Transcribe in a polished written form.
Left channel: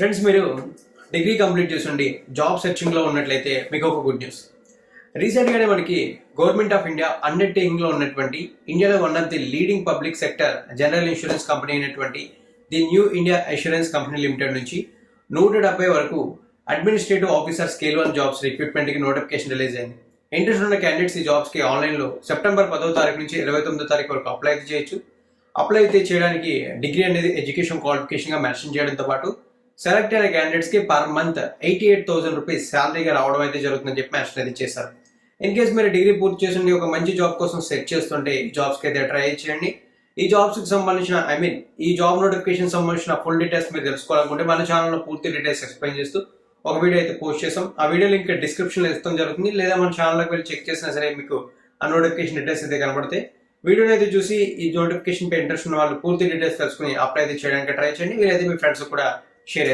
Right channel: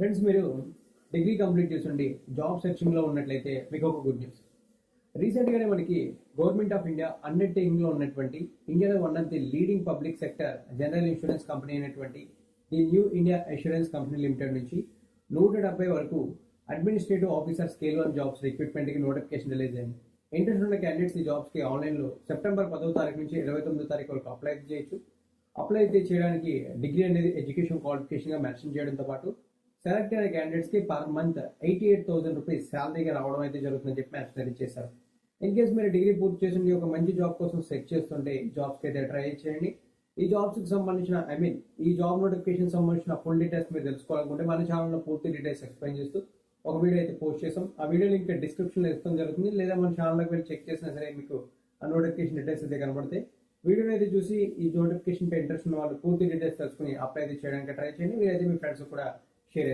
Friends, మీరు degree complete చేస్తుండి job సెర్చింగ్లో ఉన్నట్లయితే మీకు ఒక గుడ్ న్యూస్. రీసెంట్గానే మనకి గవర్నమెంట్ ఆఫ్ ఇండియా అండర్టేకింగ్లో ఉన్నటువంటి ఇండియాలో one of the leading public sector general insurance company అయినటువంటి the new India assurance company limited నుంచి 170 వరకు అడ్మినిస్ట్రేటివ్ ఆఫీసర్ స్కేల్ 1 జాబ్స్ రిక్రూట్మెంట్కి నోటిఫికేషన్ రిలీజ్ అయింది. ఇంట్రెస్ట్ ఉన్న క్యాండిడేట్స్ ఈ జాబ్స్కి ఆన్లైన్లో సెప్టెంబర్ 10వ తారీఖు నుంచి 29వ తారీఖు వరకు అప్లై అయితే చేయొచ్చు. అప్లై అయితే చేయడానికి డిగ్రీ అనేది ఎడ్యుకేషన్ క్వాలిఫికేషన్గా మెన్షన్ చేయడంతో పాటు సెలెక్ట్ అయిన క్యాండిడేట్స్కి పర్ మంత్ 88,000 రూపీస్ శాలరీగా రావడం అయితే జరుగుతుందని చెప్పి మెన్షన్ అయితే చేశారు. ఇన్ కేసు మీరు డిగ్రీ పూర్తి చేసి ఒక మంచి జాబ్ కోసం సెట్ చేస్తుంటే ఈ జాబ్స్కి అయితే ట్రై చేయండి. ఈ జాబ్స్కి సంబంధించిన ఈ జాబ్ నోటిఫికేషన్ సంబంధించిన ఫుల్ డీటెయిల్స్ మీరు తెలుసుకోవాలనుకుంటే మన ఛానల్లో పూర్తి డీటెయిల్స్ ఎక్స్ప్లెయిన్ చేస్తూ ఒక వీడియో అయితే పోస్ట్ చేసాం. ఆ వీడియో లింక్ డిస్క్రిప్షన్లో ఇస్తాం జరుగుతుంది, లేదా మన ఛానల్లోకి వెళ్ళి చెక్ చేసినా సరే మీకు ఆ నోటిఫికేషన్ డీటెయిల్స్ అయితే కనబడతాయి. వీడియోని అయితే చూసి ఈ నోటిఫికేషన్ పై ఇంట్రెస్ట్ ఉన్న వాళ్ళు పూర్తి డీటెయిల్స్ తెలుసుకుని అప్లై అయితే చేయడానికి ట్రై చేయండి. వీలైతే మీ ఫ్రెండ్స్ కూడా షేర్